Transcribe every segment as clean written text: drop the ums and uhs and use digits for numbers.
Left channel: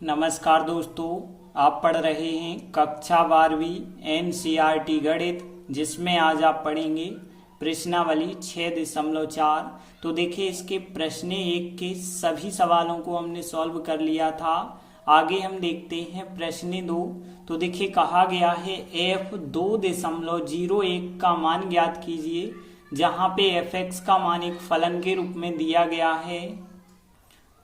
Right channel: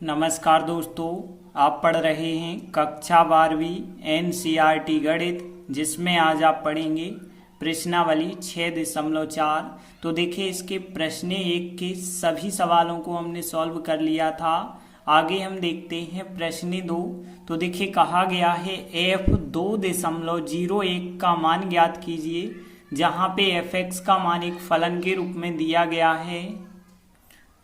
नमस्कार दोस्तों, आप पढ़ रहे हैं कक्षा 12वीं एनसीईआरटी गणित, जिसमें आज आप पढ़ेंगे प्रश्नावली 6.4। तो देखिए, इसके प्रश्न 1 के सभी सवालों को हमने सॉल्व कर लिया था। आगे हम देखते हैं प्रश्न 2। तो देखिए, कहा गया है f2.01 का मान ज्ञात कीजिए, जहां पे fx का मान एक फलन के रूप में दिया गया है।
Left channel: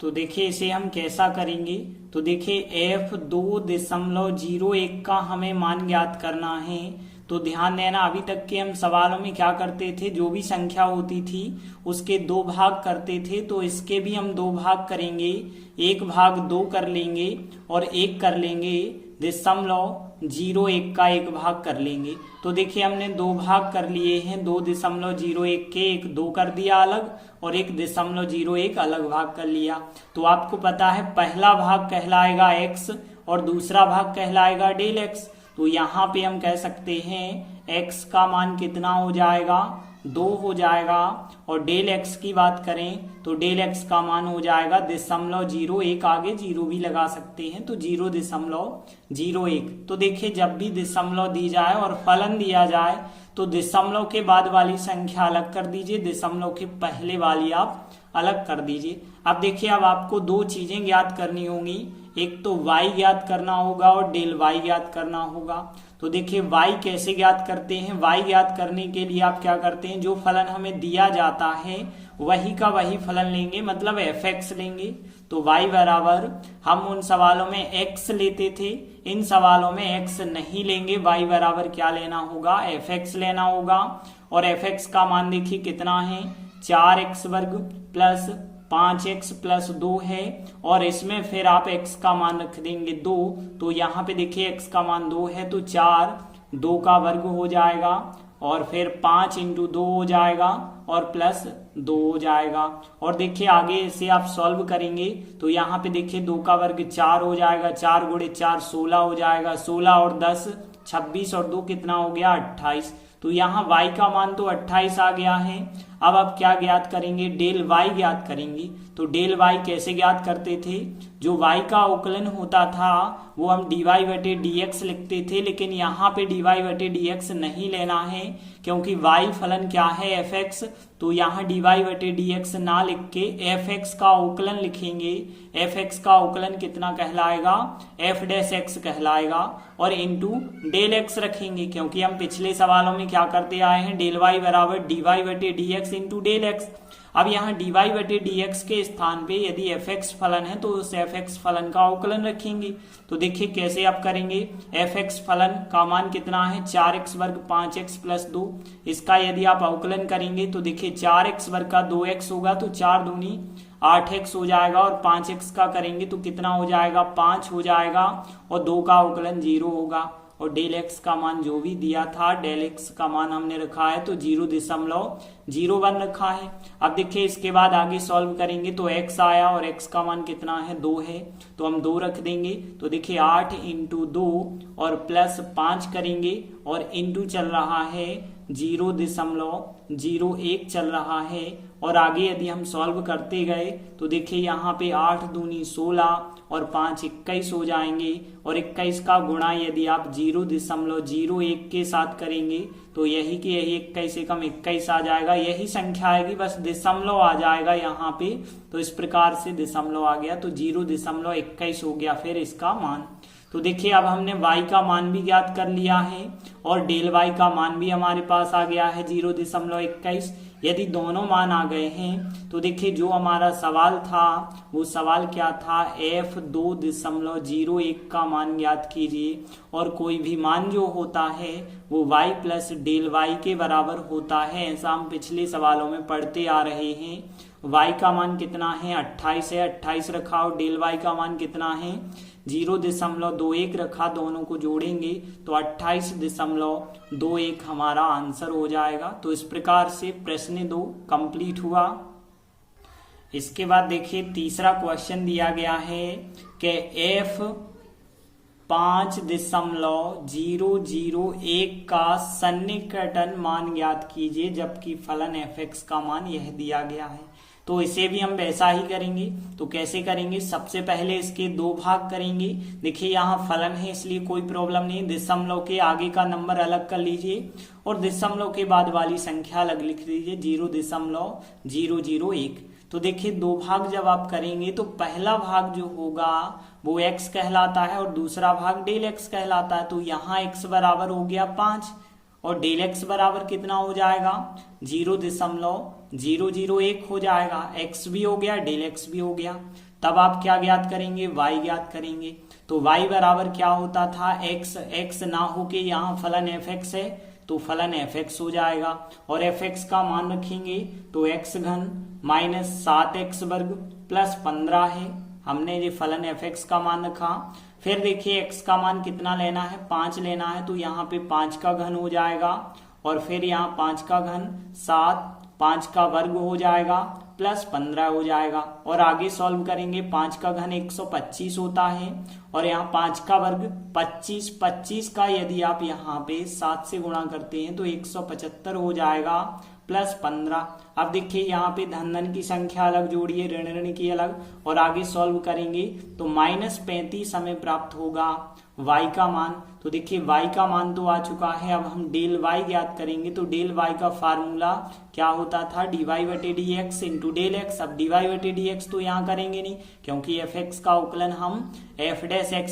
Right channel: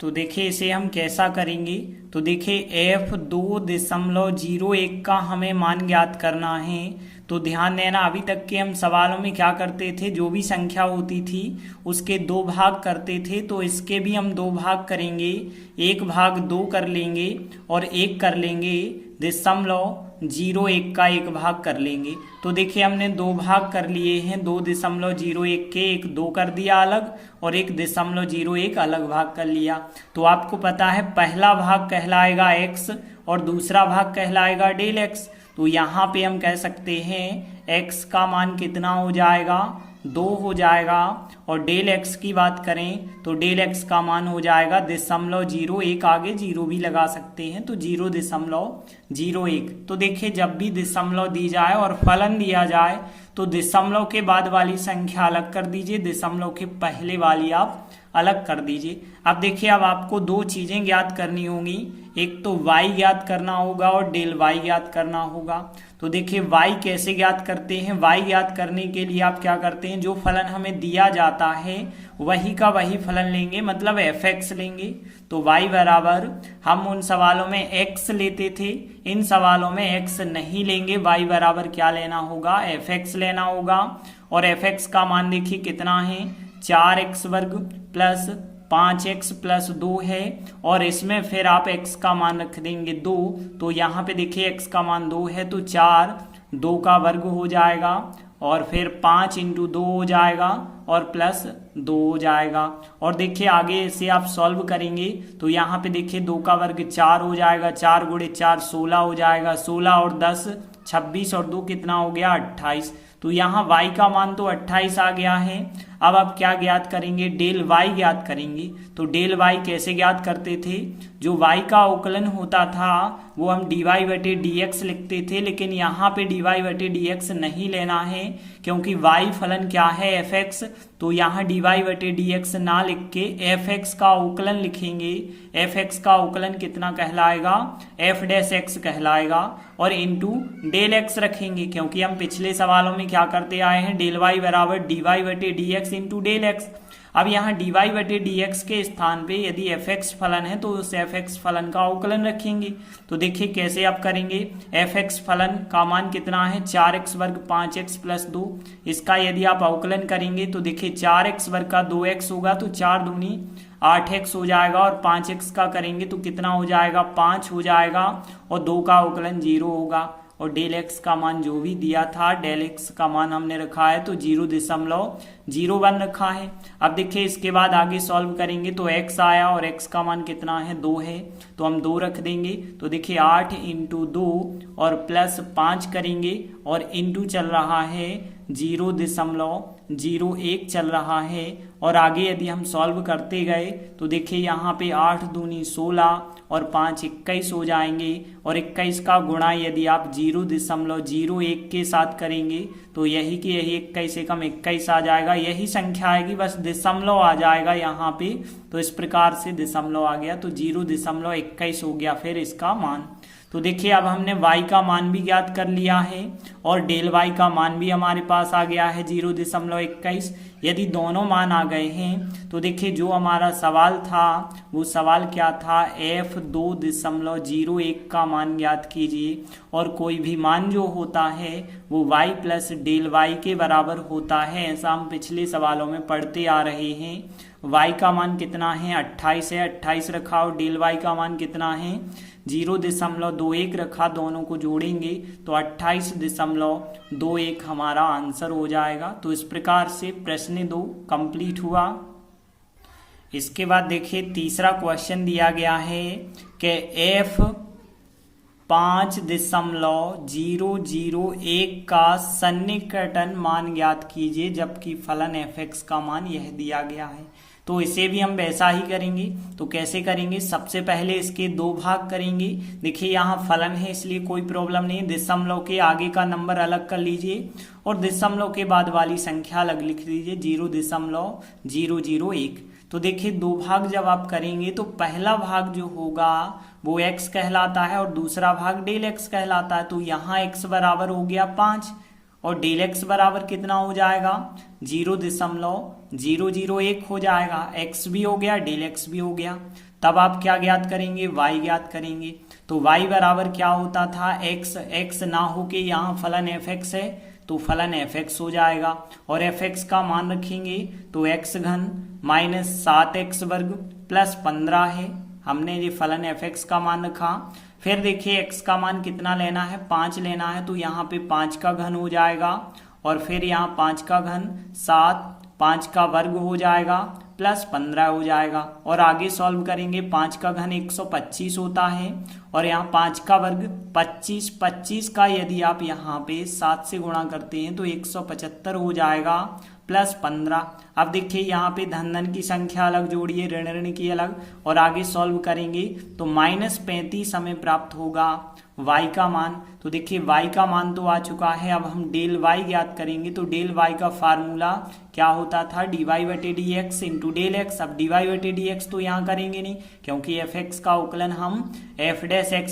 तो देखिए, इसे हम कैसा करेंगे। तो देखिए, f2.01 का हमें मान ज्ञात करना है। तो ध्यान देना, अभी तक के हम सवालों में क्या करते थे, जो भी संख्या होती थी उसके 2 भाग करते थे। तो इसके भी हम 2 भाग करेंगे, 1 भाग 2 कर लेंगे और 1 कर लेंगे 0.01 का 1 भाग कर लेंगे। तो देखिए, हमने 2 भाग कर लिए हैं, 2.01 के 1 2 कर दिया अलग और 1.01 अलग भाग कर लिया। तो आपको पता है, पहला भाग कहलाएगा x और दूसरा भाग कहलाएगा डेल x। तो यहाँ पे हम कह सकते हैं x का मान कितना हो जाएगा, 2 हो जाएगा। और डेल x की बात करें तो डेल x का मान हो जाएगा 0.01, आगे 0 भी लगा सकते हैं, तो 0.01। तो देखिए, जब भी दशमलव दी जाए और फलन दिया जाए तो दशमलव के बाद वाली संख्या अलग कर दीजिए, दशमलव के पहले वाली आप अलग कर दीजिए। अब देखिए, अब आपको 2 चीजें ज्ञात करनी होंगी, एक तो y ज्ञात करना होगा और डेल y ज्ञात करना होगा। तो देखिए, y कैसे ज्ञात करते हैं। y ज्ञात करने के लिए आप क्या करते हैं, जो फलन हमें दिया जाता है वही का वही फलन लेंगे, मतलब fx लेंगे। तो y बराबर, हम उन सवालों में x लेते थे, इन सवालों में x नहीं लेंगे, y बराबर क्या लेना होगा, fx लेना होगा। और fx का मान देखिए कितना है, 4x वर्ग प्लस 5x प्लस 2 है। और इसमें फिर आप x का मान रख देंगे 2। तो यहाँ पे देखिए, x का मान 2 है तो 4 2 का वर्ग हो जाएगा और फिर 5 इंटू 2 हो जाएगा और प्लस 2 हो जाएगा। और देखिए, आगे इसे आप सॉल्व करेंगे तो यहाँ पे देखिए 2 का वर्ग 4 हो जाएगा, 4 गुणे 4 16 हो जाएगा, 16 और 10 26 और 2 कितना हो गया, 28। तो यहाँ y का मान तो 28 आ गया है। अब आप क्या ज्ञात करेंगे, डेल y ज्ञात करेंगे। तो डेल y कैसे ज्ञात करते थे, जो y का अवकलन होता था वो हम dy/dx लिखते थे, लेकिन यहाँ पे dy/dx नहीं लेना है, क्योंकि y फलन क्या है, fx। तो यहाँ dy/dx ना लिख के fx का अवकलन लिखेंगे। fx का अवकलन कितना कहलाएगा, f' कहलाएगा और इंटू डेल x रखेंगे, क्योंकि हम पिछले सवालों में क्या करते आए हैं, डेल y बराबर dy/dx इंटू डेल x। अब यहाँ dy/dx के स्थान पे यदि fx फलन है तो उस fx फलन का अवकलन रखेंगे। तो देखिए कैसे आप करेंगे, fx फलन का मान कितना है, 4x वर्ग 5x प्लस 2। इसका यदि आप अवकलन करेंगे तो देखिए 4x वर्ग का 2x होगा तो 4 दूनी 8x हो जाएगा, और 5x का करेंगे तो कितना हो जाएगा, 5 हो जाएगा, और 2 का अवकलन 0 होगा। और डेल x का मान जो भी दिया था, डेल x का मान हमने रखा है तो 0.01 रखा है। अब देखिए, इसके बाद आगे सॉल्व करेंगे तो x आया और x का मान कितना है, 2 है, तो हम 2 रख देंगे। तो देखिए 8 इंटू 2 और प्लस 5 करेंगे और इंटू चल रहा है 0.01 चल रहा है। और आगे यदि हम सॉल्व करते गए तो देखिए, यहाँ पे 8 दूनी 16 और 5 21 हो जाएंगे, और 21 का गुणा यदि आप 0.01 के साथ करेंगे तो यही कि यही 21 एकम 21 आ जाएगा। यही संख्या आएगी, बस दशमलव आ जाएगा यहाँ पे। तो इस प्रकार से दशमलव आ गया तो 0.21 हो गया फिर इसका मान। तो देखिए, अब हमने y का मान भी ज्ञात कर लिया है और डेल y का मान भी हमारे पास आ गया है 0.21। यदि दोनों मान आ गए हैं तो देखिए, जो हमारा सवाल था वो सवाल क्या था, f2.01 का मान ज्ञात कीजिए, और कोई भी मान जो होता है वो y प्लस डेल y के बराबर होता है। ऐसा हम पिछले सवालों में पढ़ते आ रहे हैं। y का मान कितना है, 28 है, 28 रखा, और डेल y का मान कितना है, 0.21 रखा। दोनों को जोड़ेंगे तो 28.21 हमारा आंसर हो जाएगा। तो इस प्रकार से प्रश्न 2 कंप्लीट हुआ। इसके बाद देखिए, तीसरा क्वेश्चन दिया गया है कि f5.001 का सन्निकटन मान ज्ञात कीजिए, जबकि फलन fx का मान यह दिया गया है। तो इसे भी हम वैसा ही करेंगे। तो कैसे करेंगे, सबसे पहले इसके 2 भाग करेंगे। देखिए यहाँ फलन है इसलिए कोई प्रॉब्लम नहीं, दशमलव के आगे का नंबर अलग कर लीजिए और दशमलव के बाद वाली संख्या अलग लिख लीजिए, 0.001। तो देखिए 2 भाग जब आप करेंगे तो पहला भाग जो होगा वो x कहलाता है और दूसरा भाग डेल x कहलाता है। तो यहाँ x बराबर हो गया 5 और डेल x बराबर कितना हो जाएगा, 0.001 हो जाएगा। x भी हो गया, डेल x भी हो गया। तब आप क्या ज्ञात करेंगे, y ज्ञात करेंगे। तो y बराबर क्या होता था, x ना हो के यहाँ फलन fx है तो फलन fx हो जाएगा और fx का मान रखेंगे तो x घन माइनस 7x वर्ग प्लस 15 है। हमने ये फलन fx का मान रखा। फिर देखिए x का मान कितना लेना है, 5 लेना है। तो यहाँ पे 5 का घन हो जाएगा और फिर यहाँ 5 का घन 7, 5 का वर्ग हो जाएगा प्लस 15 हो जाएगा। और आगे सॉल्व करेंगे, 5 का घन 125 होता है और यहाँ 5 का वर्ग 25, 25 का यदि आप यहाँ पे 7 से गुणा करते हैं तो 175 हो जाएगा प्लस 15। अब देखिए यहाँ पे धन धन की संख्या अलग जोड़िए, ऋण ऋण की अलग, और आगे सॉल्व करेंगे तो -35 हमें प्राप्त होगा y का मान। तो देखिए y का मान तो आ चुका है, अब हम डेल y ज्ञात करेंगे। तो डेल y का फार्मूला क्या होता था, dy/dx इंटू डेल x। अब dy/dx तो यहाँ करेंगे नहीं क्योंकि fx का उकलन हम f'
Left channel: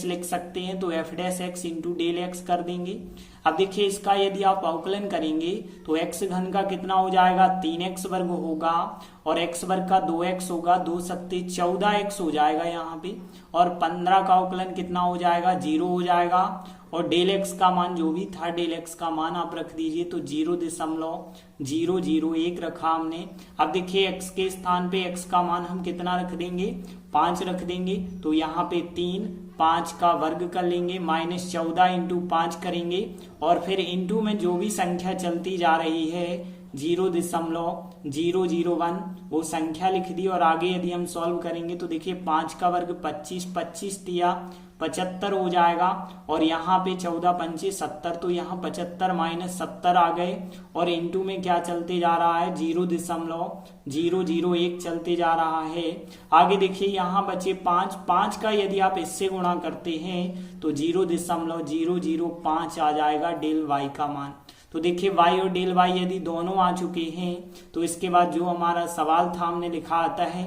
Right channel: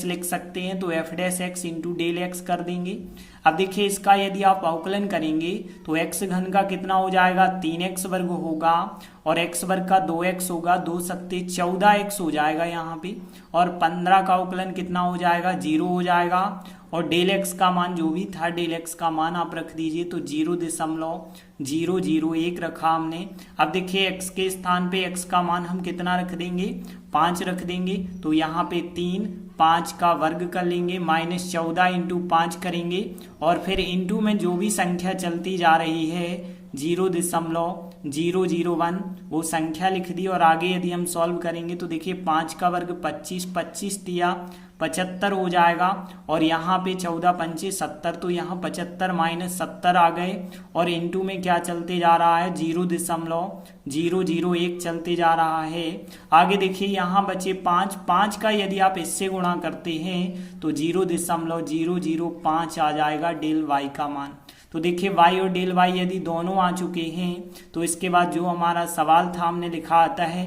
लिख सकते हैं, तो f' इंटू डेल x कर देंगे। अब देखिए इसका यदि आप अवकलन करेंगे तो x घन का कितना हो जाएगा, 3x वर्ग होगा और x वर्ग का 2x होगा, 2 सत्ते 14x हो जाएगा यहाँ पे। और 15 का अवकलन कितना हो जाएगा, 0 हो जाएगा। और डेल x का मान जो भी था, डेल x का मान आप रख दीजिए तो 0.001 रखा हमने। अब देखिए x के स्थान पे x का मान हम कितना रख देंगे, 5 रख देंगे। तो यहाँ पे 3, 5 का वर्ग कर लेंगे, -14 इंटू 5 करेंगे और फिर इंटू में जो भी संख्या चलती जा रही है 0.001 वो संख्या लिख दी। और आगे यदि हम सॉल्व करेंगे तो देखिए 5 का वर्ग 25, 25 दिया 75 हो जाएगा और यहाँ पे 14 पंचे 70, तो यहाँ 75 माइनस 70 आ गए और इनटू में क्या चलते जा रहा है, 0.001 चलते जा रहा है। आगे देखिए यहाँ बचे 5, 5 का यदि आप इससे गुणा करते हैं तो 0.005 आ जाएगा डेल y का मान। तो देखिए y और डेल y यदि दोनों आ चुके हैं तो इसके बाद जो हमारा सवाल था हमने लिखा आता है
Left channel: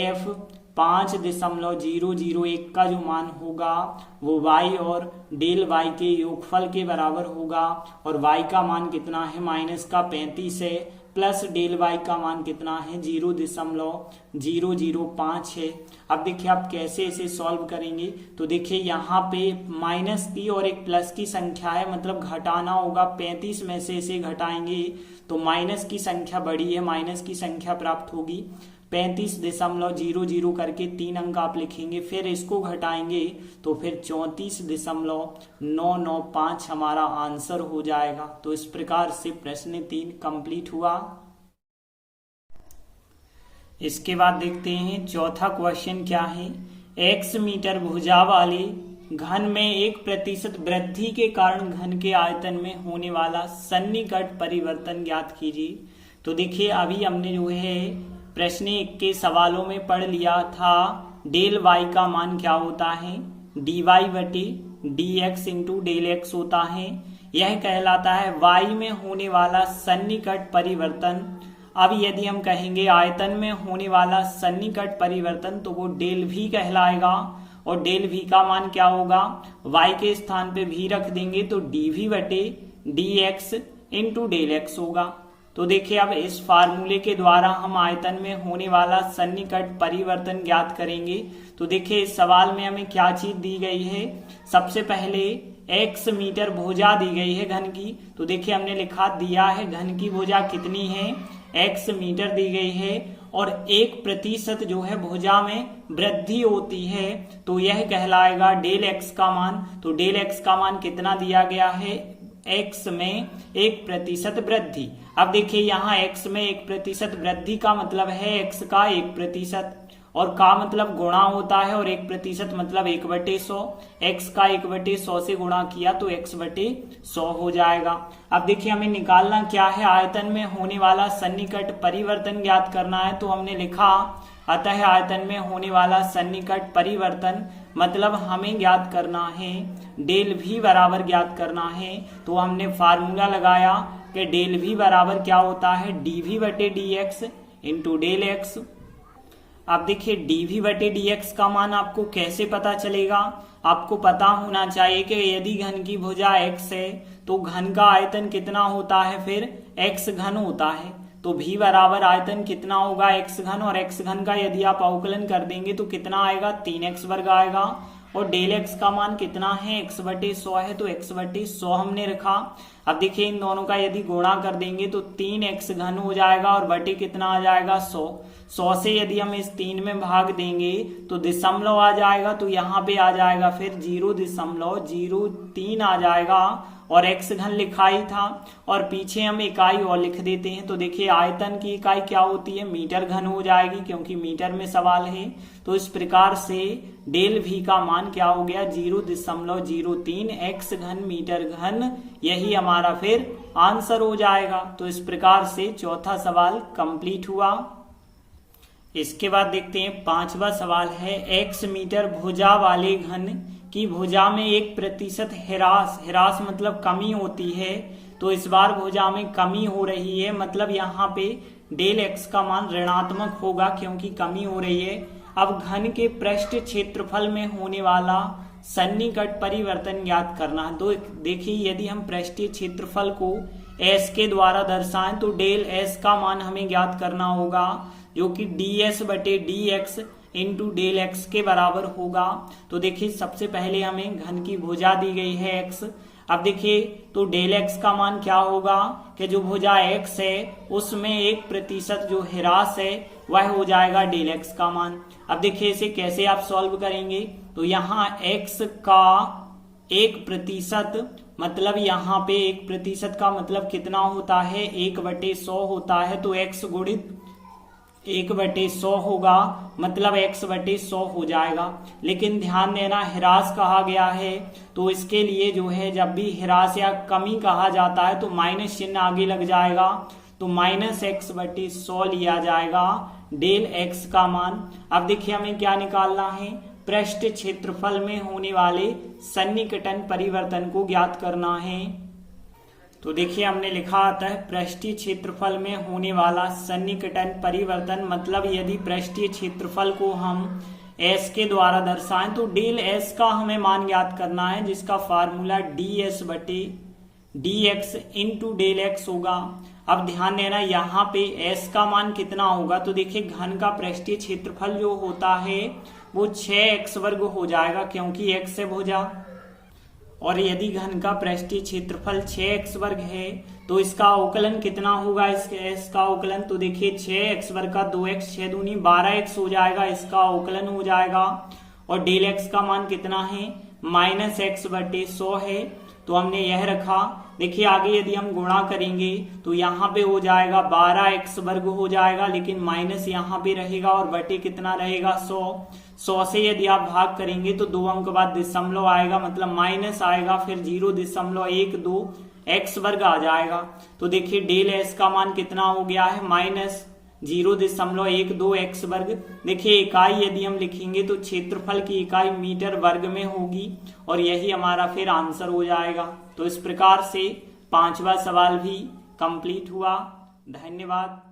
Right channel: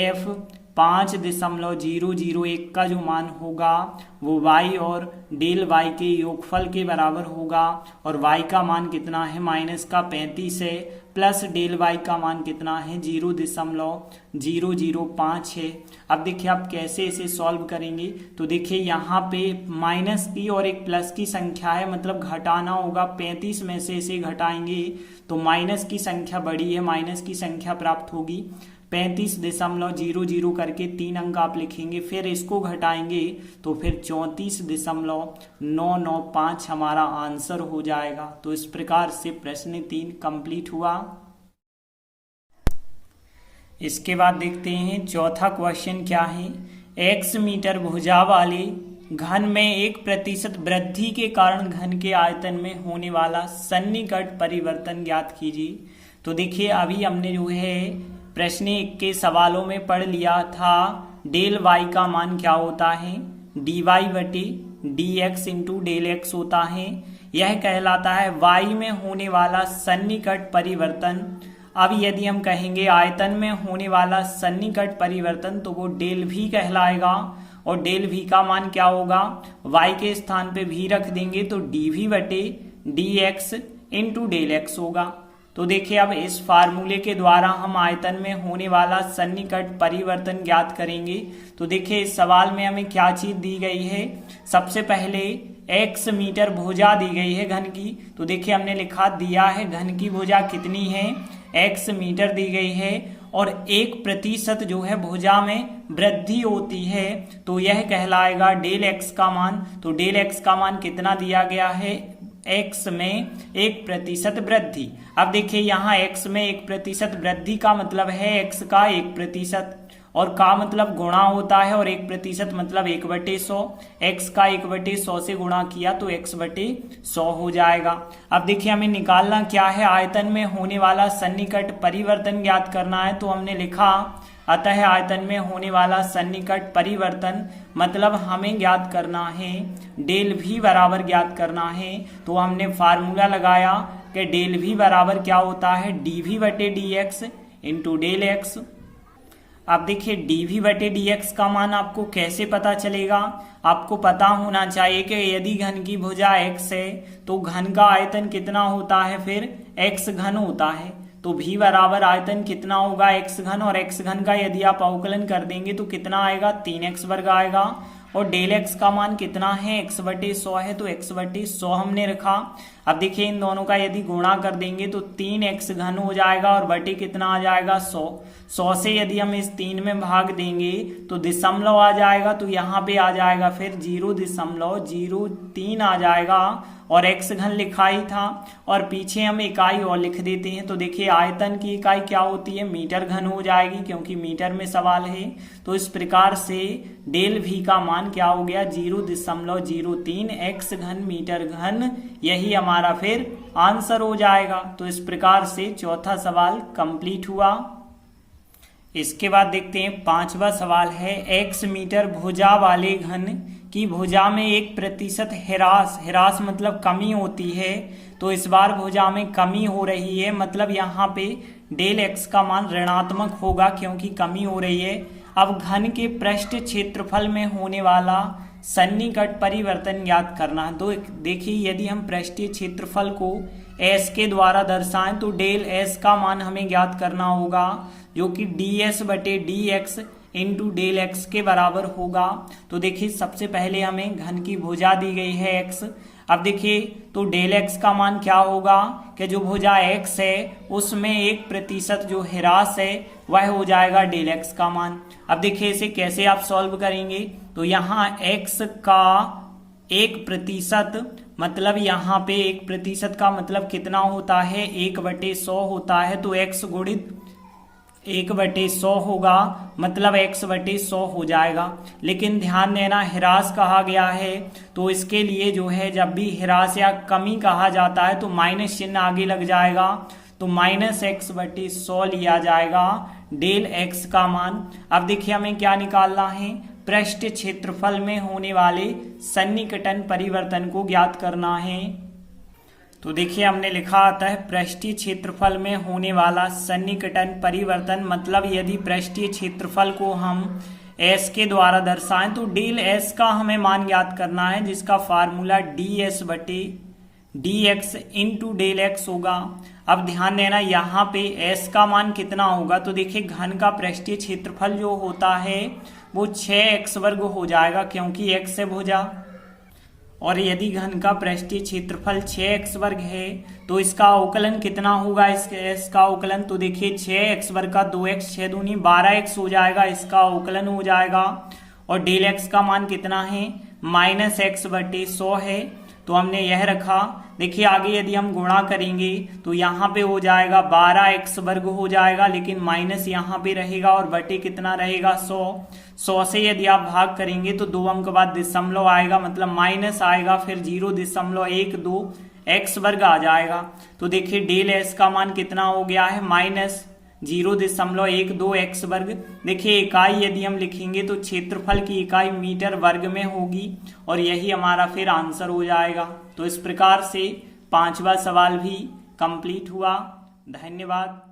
f 5.001 का जो मान होगा वो y और डेल y के योगफल के बराबर होगा। और y का मान कितना है, माइनस का 35 है, प्लस डेल y का मान कितना है, 0.005 है। अब देखिए आप कैसे इसे सॉल्व करेंगे। तो देखिए यहाँ पे माइनस की और एक प्लस की संख्या है, मतलब घटाना होगा। 35 में से इसे घटाएंगे तो माइनस की संख्या बड़ी है, माइनस की संख्या प्राप्त होगी। 35.00 करके 3 अंक आप लिखेंगे, फिर इसको घटाएंगे तो फिर 34.995 हमारा आंसर हो जाएगा। तो इस प्रकार से प्रश्न 3 कंप्लीट हुआ। इसके बाद देखते हैं चौथा क्वेश्चन क्या है। x मीटर भुजा वाले घन में 1% वृद्धि के कारण घन के आयतन में होने वाला सन्निकट परिवर्तन ज्ञात कीजिए। तो देखिए अभी हमने जो है प्रश्न 1 के सवालों में पढ़ लिया था डेल y का मान क्या होता है, dy/dx इंटू डेल x होता है। यह कहलाता है y में होने वाला सन्निकट परिवर्तन। अब यदि हम कहेंगे आयतन में होने वाला सन्निकट परिवर्तन तो वो डेल v कहलाएगा और डेल v का मान क्या होगा, y के स्थान पे v रख देंगे तो dv/dx इंटू डेल x होगा। तो देखिए अब इस फार्मूले के द्वारा हम आयतन में होने वाला सन्निकट परिवर्तन ज्ञात करेंगे। तो देखिए इस सवाल में हमें क्या चीज दी गई है, सबसे पहले x मीटर भुजा दी गई है घन की। तो देखिए हमने लिखा दिया है घन की भुजा कितनी है, x मीटर दी गई है और 1% जो है भुजा में वृद्धि होती है तो यह कहलाएगा डेल x का मान। तो डेल x का मान कितना दिया गया है, x में 1% वृद्धि। अब देखिए यहाँ x में 1% वृद्धि का मतलब है x का 1% और का मतलब गुणा होता है और 1% मतलब 1/100। x का 1/100 से गुणा किया तो x/100 हो जाएगा। अब देखिए हमें निकालना क्या है, आयतन में होने वाला सन्निकट परिवर्तन ज्ञात करना है। तो हमने लिखा अतः आयतन में होने वाला सन्निकट परिवर्तन मतलब हमें ज्ञात करना है डेल v बराबर ज्ञात करना है। तो हमने फार्मूला लगाया कि डेल v बराबर क्या होता है, dv/dx इंटू डेल एक्स। अब देखिए dv/dx का मान आपको कैसे पता चलेगा, आपको पता होना चाहिए कि यदि घन की भुजा x है तो घन का आयतन कितना होता है, फिर x घन होता है। तो v बराबर आयतन कितना होगा, x घन, और x घन का यदि आप अवकलन कर देंगे तो कितना आएगा, 3x वर्ग आएगा। और डेल x का मान कितना है, x/100 है, तो x/100 हमने रखा। अब देखिए इन दोनों का यदि गुणा कर देंगे तो 3x घन हो जाएगा और बटे कितना आ जाएगा, 100 से यदि हम इस 3 में भाग देंगे तो दशमलव आ जाएगा, तो यहाँ पे आ जाएगा फिर 0.03 आ जाएगा और x घन लिखा ही था और पीछे हम इकाई और लिख देते हैं। तो देखिए आयतन की इकाई क्या होती है, मीटर घन हो जाएगी क्योंकि मीटर में सवाल है। तो इस प्रकार से डेल v का मान क्या हो गया, 0.03 x घन मीटर घन, यही हमारा फिर आंसर हो जाएगा। तो इस प्रकार से चौथा सवाल कंप्लीट हुआ। इसके बाद देखते हैं पांचवा सवाल है, x मीटर भुजा वाले घन की भुजा में 1% ह्रास मतलब कमी होती है। तो इस बार भुजा में कमी हो रही है, मतलब यहाँ पे डेल x का मान ऋणात्मक होगा क्योंकि कमी हो रही है। अब घन के पृष्ठ क्षेत्रफल में होने वाला सन्निकट परिवर्तन ज्ञात करना। तो देखिए यदि हम पृष्ठीय क्षेत्रफल को s के द्वारा दर्शाएं तो डेल s का मान हमें ज्ञात करना होगा जो कि ds/dx इंटू डेल x के बराबर होगा। तो देखिए सबसे पहले हमें घन की भुजा दी गई है x। अब देखिए तो डेल x का मान क्या होगा कि जो भुजा x है उसमें 1% जो ह्रास है वह हो जाएगा डेल x का मान। अब देखिए इसे कैसे आप सॉल्व करेंगे, तो यहाँ x का 1% मतलब यहाँ पे 1% का मतलब कितना होता है, 1/100 होता है। तो x गुणित 1/100 होगा मतलब x/100 हो जाएगा। लेकिन ध्यान देना ह्रास कहा गया है तो इसके लिए जो है जब भी ह्रास या कमी कहा जाता है तो माइनस चिन्ह आगे लग जाएगा, तो -x/100 लिया जाएगा डेल x का मान। अब देखिए हमें क्या निकालना है, पृष्ठ क्षेत्रफल में होने वाले सन्निकटन परिवर्तन को ज्ञात करना है। तो देखिए हमने लिखा आता है पृष्ठीय क्षेत्रफल में होने वाला सन्निकटन परिवर्तन मतलब यदि पृष्ठीय क्षेत्रफल को हम s के द्वारा दर्शाएं तो डेल s का हमें मान ज्ञात करना है जिसका formula ds/dx into del x होगा। अब ध्यान देना यहाँ पे s का मान कितना होगा, तो देखिए घन का पृष्ठीय क्षेत्रफल जो होता है वो 6x वर्ग हो जाएगा क्योंकि x से भुजा, और यदि घन का पृष्ठीय क्षेत्रफल 6x वर्ग है तो इसका अवकलन कितना होगा, इसका अवकलन तो देखिए 6x वर्ग का 2x 6 दूनी 12x हो जाएगा, इसका अवकलन हो जाएगा। और डेल x का मान कितना है, -x/100 है, तो हमने यह रखा। देखिए आगे यदि हम गुणा करेंगे तो यहाँ पे हो जाएगा 12x वर्ग हो जाएगा, लेकिन माइनस यहाँ पे रहेगा और बटे कितना रहेगा 100 से यदि आप भाग करेंगे तो 2 अंक बाद दशमलव आएगा मतलब माइनस आएगा, फिर 0.12 x वर्ग आ जाएगा। तो देखिए डेल s का मान कितना हो गया है, -0.12 x वर्ग। देखिए इकाई यदि हम लिखेंगे तो क्षेत्रफल की इकाई मीटर वर्ग में होगी और यही हमारा फिर आंसर हो जाएगा। तो इस प्रकार से पांचवा सवाल भी कंप्लीट हुआ। धन्यवाद।